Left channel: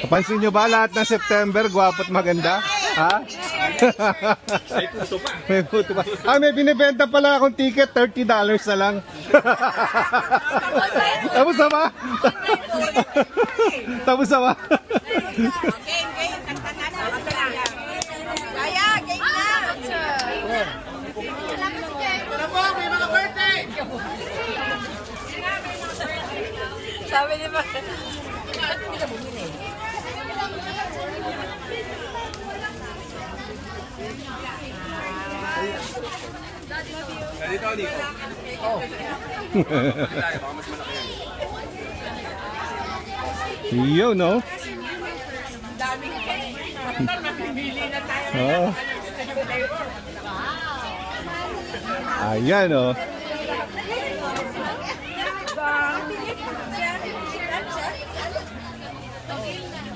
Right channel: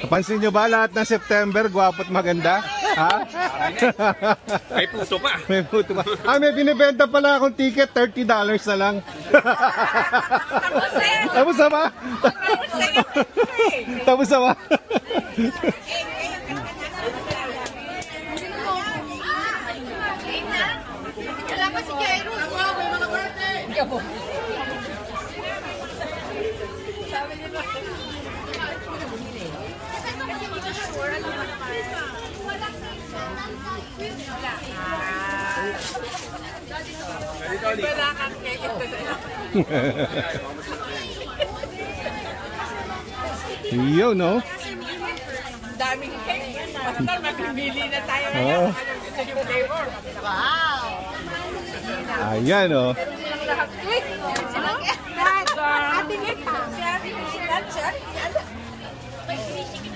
Napansin nyo ba lahat ng September, gwapo at maganda? Ha? May puto pa. May puto pa. Ah, may binibenta pala akong ticket, $30 na lang. Tapos na ba? Tapos na ba? Sabi ni Ma. Yo, no? Daming basta mapipili na tayo. Oh. Ayan, oh.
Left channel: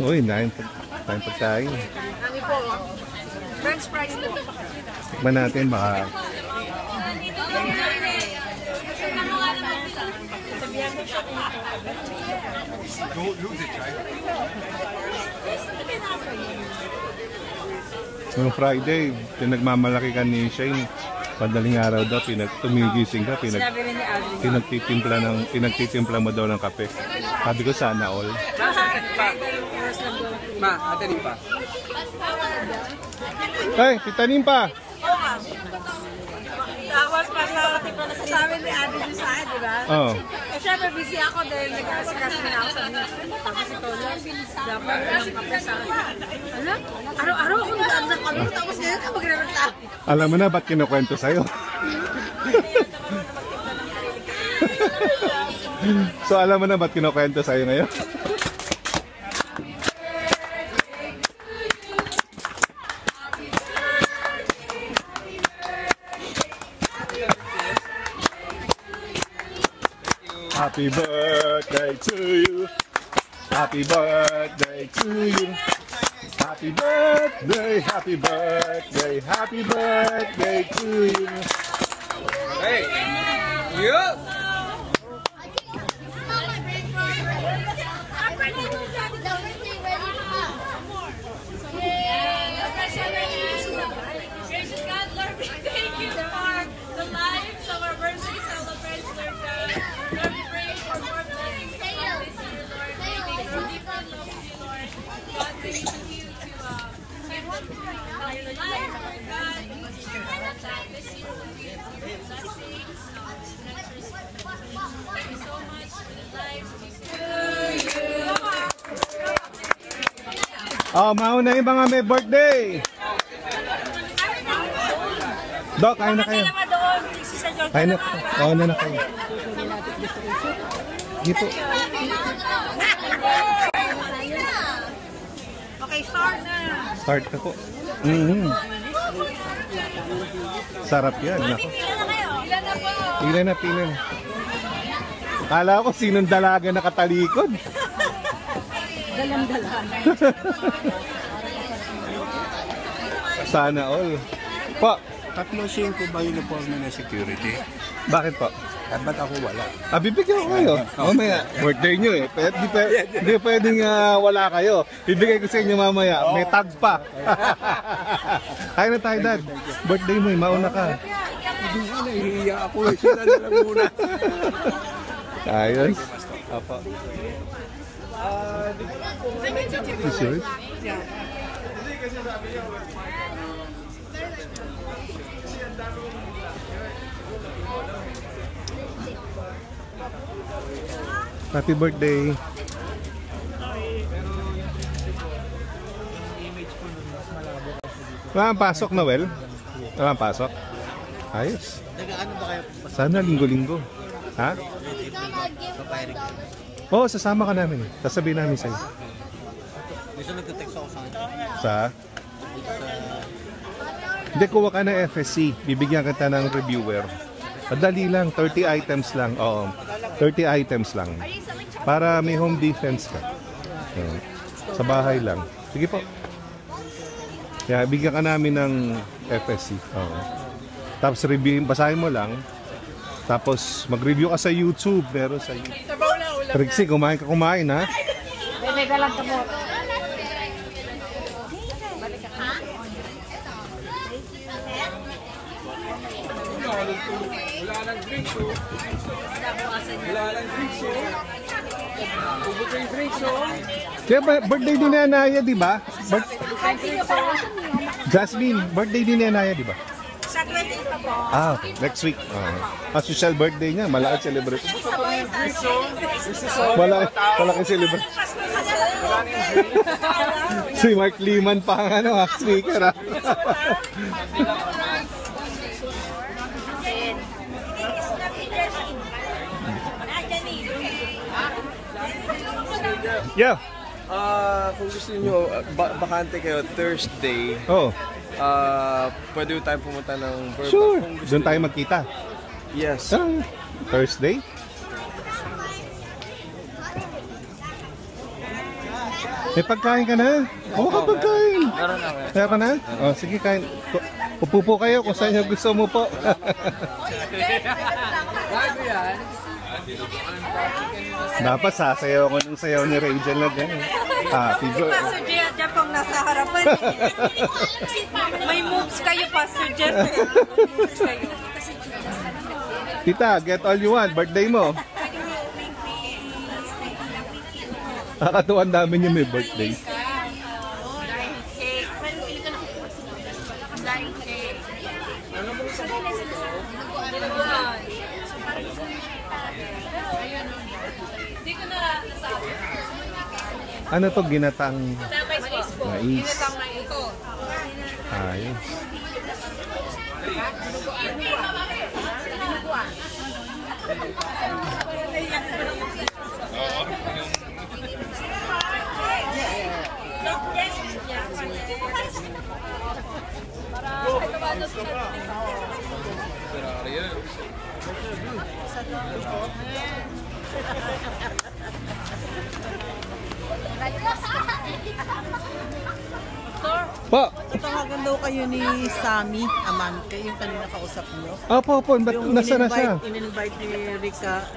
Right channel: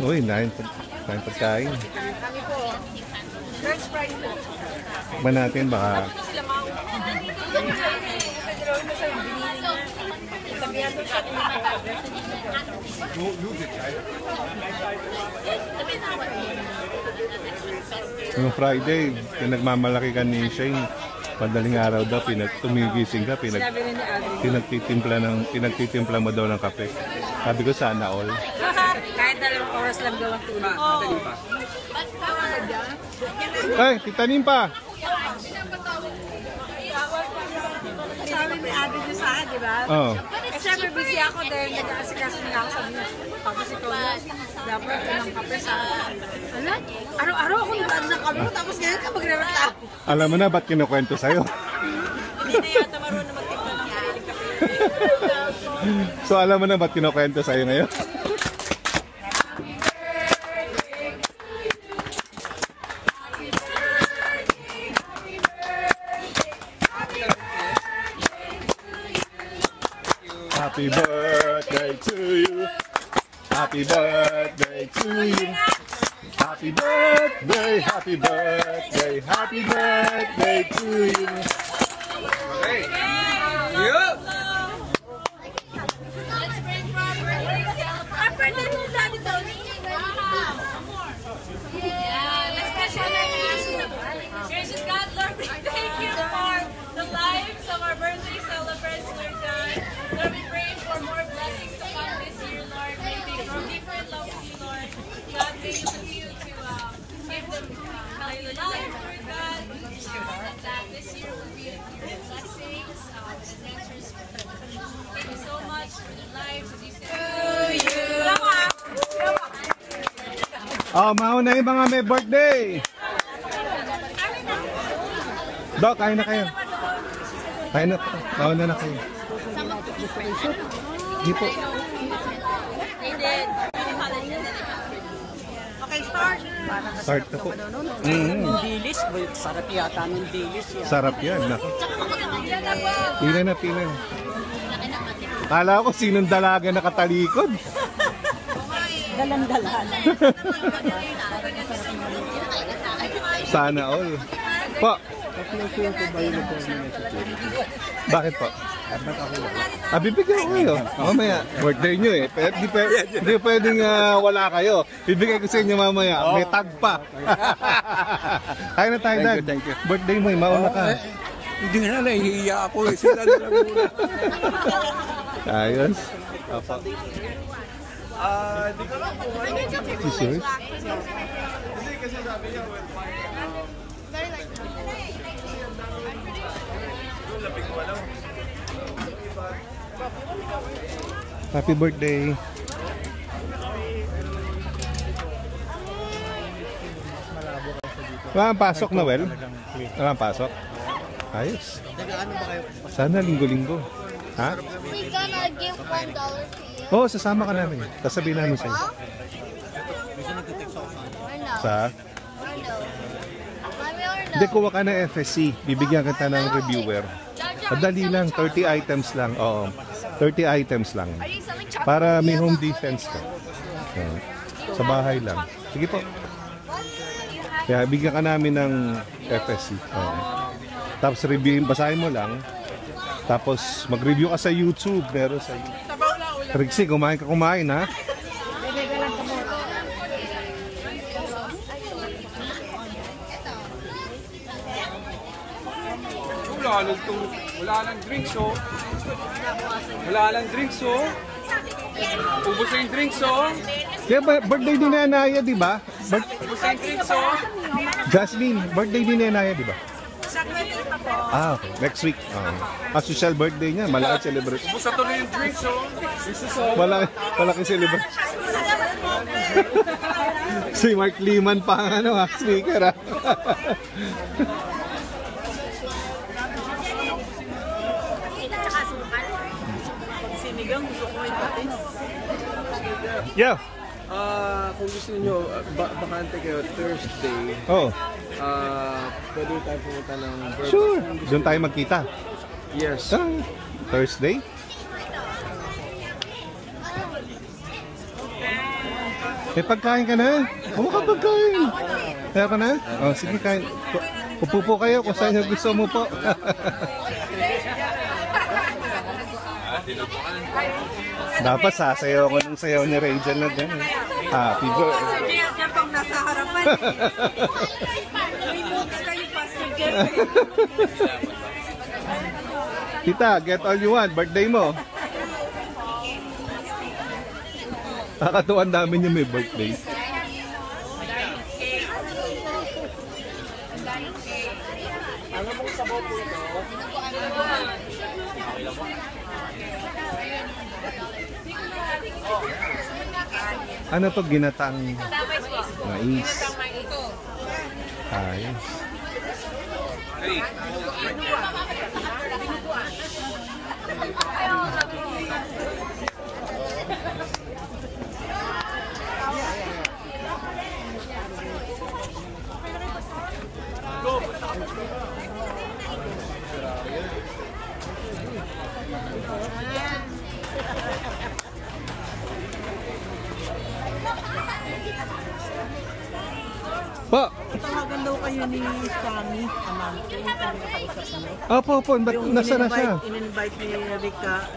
Uy, nain pagkain. Ano po? French fries po. Tikman natin, baka... Noong Friday, pinagmamalaki ka ni Shane. Padaling araw daw, tumigising ka, pinagtitimpla mo daw ng kape. Sabi ko, sana all. Kahit 2 oras lang daw ang tulog. Madali pa. Ay, titanim pa! Tapos sabi ni ate niyo sa akin, di ba? Oo. Eh syempre busy ako dahil nag-aasikas na ako sa niya. Tapos ikaw lang, dapat ng kape sa akin. Alam, araw-araw ako nagdaan ng kape, tapos ngayon ka magre-reklamo. Alam mo na ba't kinukwento sa'yo? So alam mo na ba't kinukwento sa'yo ngayon? Happy birthday to you. Happy birthday to you. Happy birthday, happy birthday, happy birthday to you. Okay. Yup! Thank you for the lives of our birthday celebrants, Lord God. Lord, we pray for more blessings to come this year, Lord. May they grow deeper in love with you, Lord. God, may you continue to give them healthy life, Lord God. And that this year will be a blessings, adventures. Thank you so much for the lives of these Oh, mauna yung mga may birthday. Dok, kain na kayo. Kain na po. Kain na kayo. Hindi po. Okay, start na. Start na po. Dilis, sarap yata ng dilis. Sarap yan. Nako. Ilan na po? Pila na, pila na. Kala ko sinong dalaga nakatalikod. Dalang-dalan. Sana all. Po. 300 ba yung uniform na security? Bakit po? Ba't ako wala? Bibigyan ko kayo. Mamaya, birthday nyo eh. Hindi pwedeng wala kayo. Bibigay ko sa inyo mamaya. May tag pa. Kaya na tayo, Dad. Birthday mo eh. Mauna ka. Hindi na, nahihiya ako. Sila na lang muna. Ayos. Apa. Is yours? Happy birthday. Wala ang pasok, Noel? Wala ang pasok? Ayos. Nag-ano ba kayo? Sana linggo-linggo. Ha? Oo, sasama ka namin. Sasabihin namin sa'yo. Gusto nagte-text ako sa Sa? Hindi, kuha ka ng FSC. Bibigyan kita ng reviewer. Madali lang, 30 items lang. Oo, 30 items lang. Para may home defense ka. Sa bahay lang. Sige po. Kaya bigyan ka namin ng FSC. Oo. Tapos reviewin, basahin mo lang. Tapos mag-review ka sa YouTube. Meron sa YouTube. Trixie, kumain ka, ha? May dalang kamote. Wala nang drinks, oh. Wala nang drinks, oh. Ubus na yung drinks, oh. Kaya birthday din ni Anaya, di ba? Ubus na yung drinks, oh. Jasmine, birthday din ni Anaya, di ba? Sa 20 pa po. Ah, okay. Next week. Social birthday niya, malaki celebration. Ubus na to yung drinks, oh. This is all. Malaki celebration. Si Mark Liman pa ang speaker ah. Yeah. Kung gusto niyo bakante kayo Thursday, Oh, pwede tayong pumunta ng Burbank. sure. Doon tayo magkita. Yes. Thursday. May pagkain ka na? Oo, pagkain. Kaya ka na? Oh, sige, kain. Upo po kayo kung saan nyo gusto mo po. Dapat sasayaw ko ng sayaw ni Rachel na gano'n. Happy birthday. Pastor Jeff, Jeff ang nasa harapan. May moves kayo, Pastor Jeff. Tita, get all you want. Birthday mo. Nakakatuwan namin yung may birthday. Ano to, ginatang mais? Ayos. Po. Tawagan daw kayo ni Sammy Amante, yung kanina kausap niyo. Opo, ba't nasa na siya? In-invite ni Rica.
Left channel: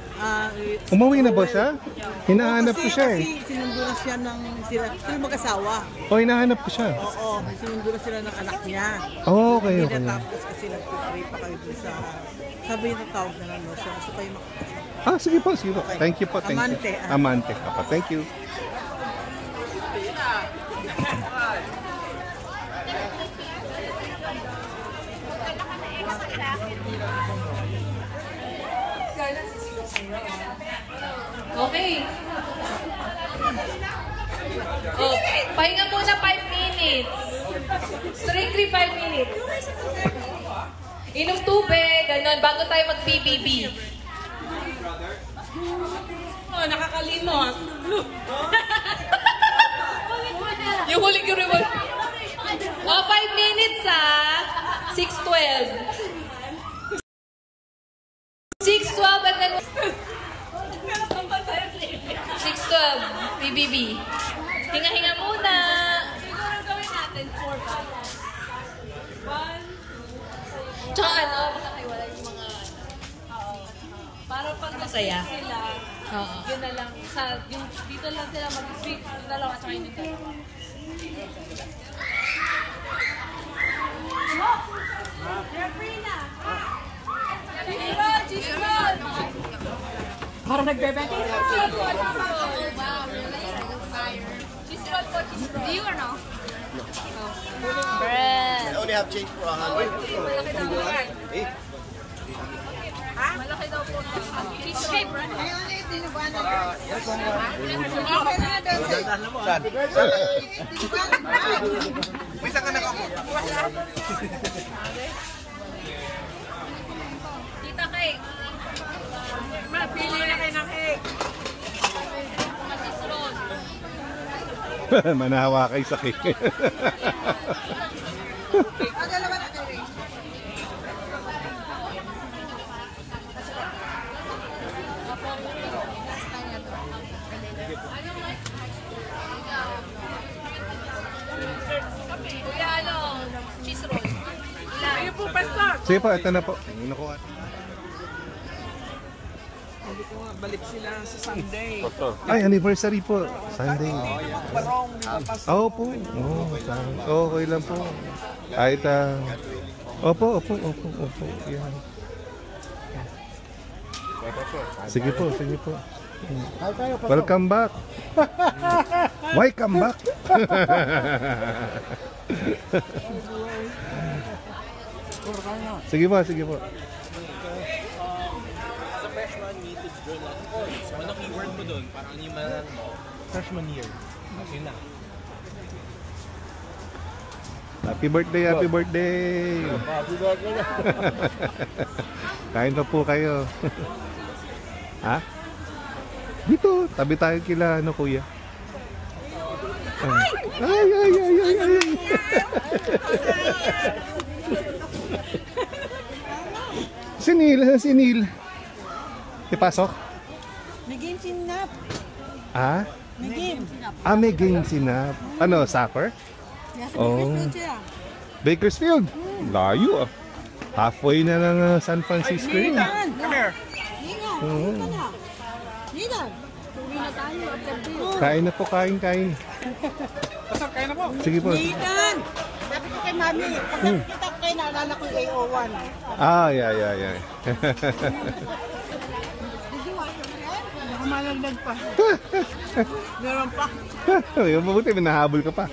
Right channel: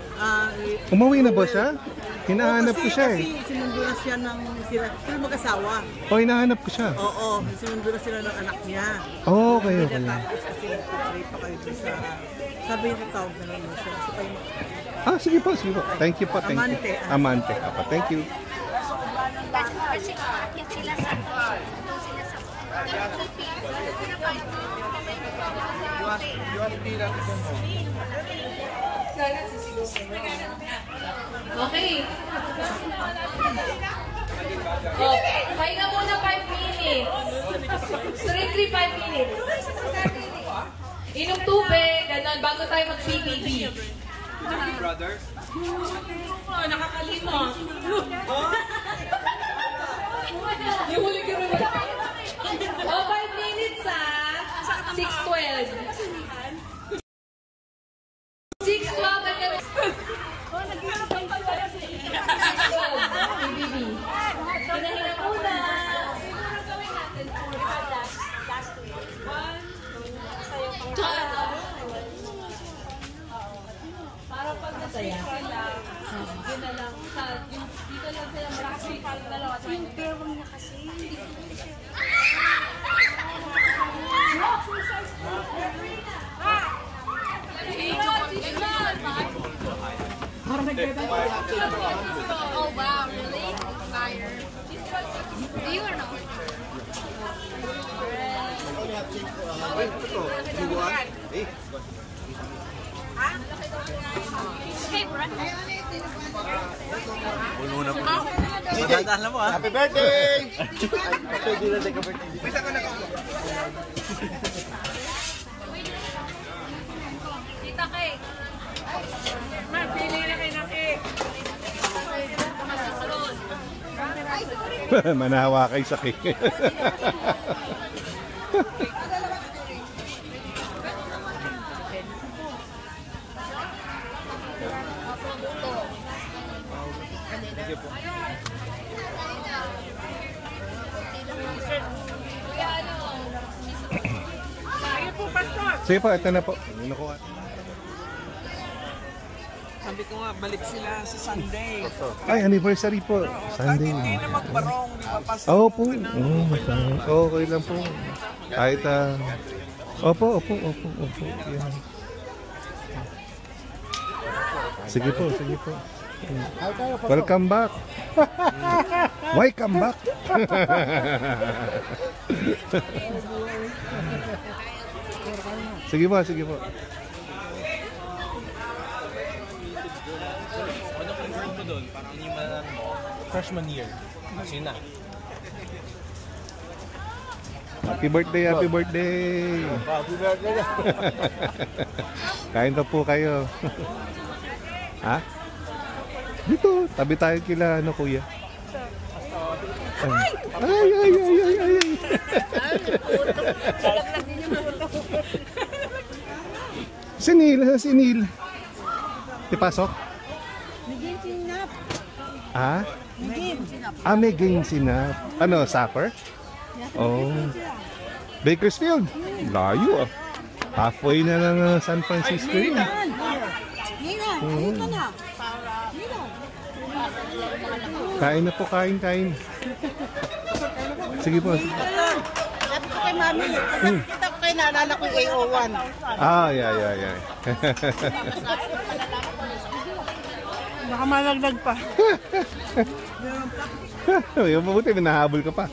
Umuwi na ba siya? Hinahanap ko siya eh. Kasi sinundo na siya ng sila mag-asawa. O, hinahanap ko siya. Oo, sinundo na sila ng anak niya. Oh, okay. Tapos kasi nag-pray pa kayo dun sa... Sabi niya tawag na lang siya. Gusto kayo makakasama. Ah, sige po. Thank you po, thank Amante, you. Amante. Apa, thank you. Okay. Oh, pahinga muna 5 minutes. Strictly 5 minutes. Inom tubig, ganun, bago tayo mag-PBB. Oh, nakakalimot. Yung huli ko rin. Oh, 5 minutes ha. 6:12. 6:12 at then 6:12. PBB. Hinga-hinga muna. Siguro gawin natin 4 pa. 1, 2, tsaka ano, nakahiwala yung mga, para pag masaya sila, yun na lang, dito lang sila mag-speak, dalawa, tsaka yung Parang nagbebenta. Oh, wow, really? Fire. Do you or no? Bread. I only have change for 100. Malaki daw po. Okay, bread. Happy birthday! Tita Kay. Pili na kayo ng cake. Masisron. Manahawa kayo sa cake. Kuya, ano? Masisron. Ayun po, pastor. Sige po, ito na po. Nakuha. Sabi ko nga, balik sila sa Sunday. Ay, anniversary po. Sunday. Hindi magbarong, papas. Opo. Okay lang po. Kahit opo. Yan. Sige po. Welcome back. Why come back? Sige po. Ano keyword mo doon? Parang yung malalan mo, freshman year. Kasi na. Happy birthday. Happy birthday. Kain na po kayo. Ha? Dito, tabi tayo kila kuya. Ay. Sinil. Ipasok? Migin sinap. Ah? Migin. May game sinap. Ano, soccer? Oh. Bakersfield. Layo ah. Halfway na ng San Francisco yun. Kain na po, kain. Sige po. Sabi ko kay Mami, pag nakikita ko kayo, naalala ko yung AO1. Yeah. Baka malagdag pa. Meron pa. Mabuti, may nahabol ka pa.